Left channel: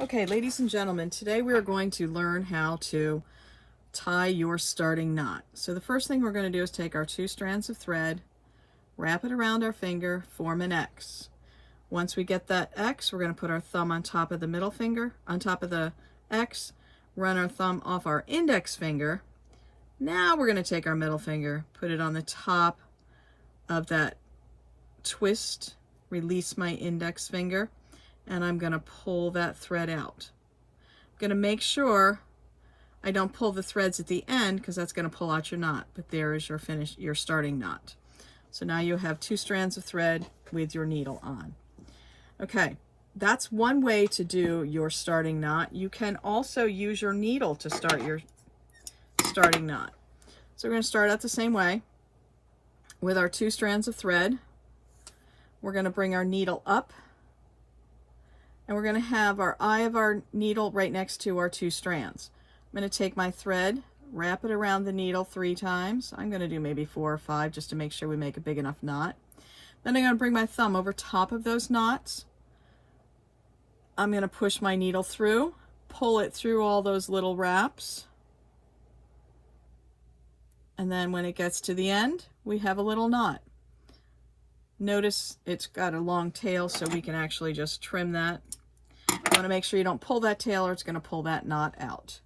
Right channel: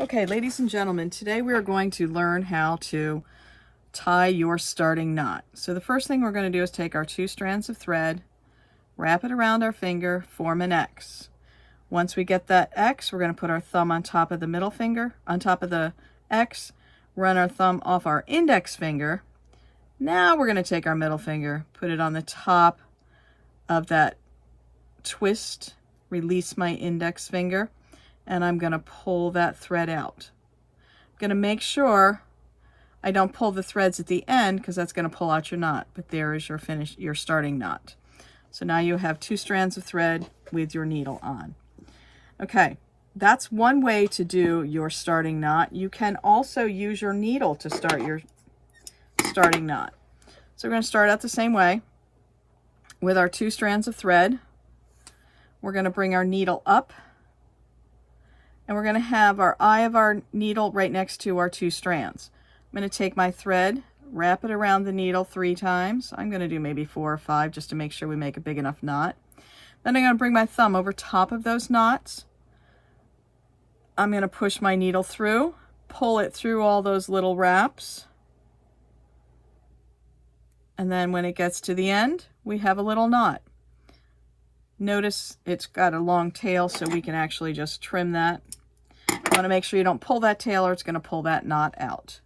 Okay, ladies and gentlemen, today we are going to learn how to tie your starting knot. So the first thing we're going to do is take our 2 strands of thread, wrap it around our finger, form an X. Once we get that X, we're going to put our thumb on top of the middle finger, on top of the X, run our thumb off our index finger. Now we're going to take our middle finger, put it on the top of that twist, release my index finger, and I'm going to pull that thread out. I'm going to make sure I don't pull the threads at the end because that's going to pull out your knot, but there is your starting knot. So now you have 2 strands of thread with your needle on. Okay, that's one way to do your starting knot. You can also use your needle to start your starting knot. So we're going to start out the same way with our 2 strands of thread. We're going to bring our needle up, and we're going to have our eye of our needle right next to our 2 strands. I'm going to take my thread, wrap it around the needle 3 times. I'm going to do maybe 4 or 5 just to make sure we make a big enough knot. Then I'm going to bring my thumb over top of those knots. I'm going to push my needle through, pull it through all those little wraps. And then when it gets to the end, we have a little knot. Notice it's got a long tail, so we can actually just trim that. You want to make sure you don't pull that tail or it's going to pull that knot out.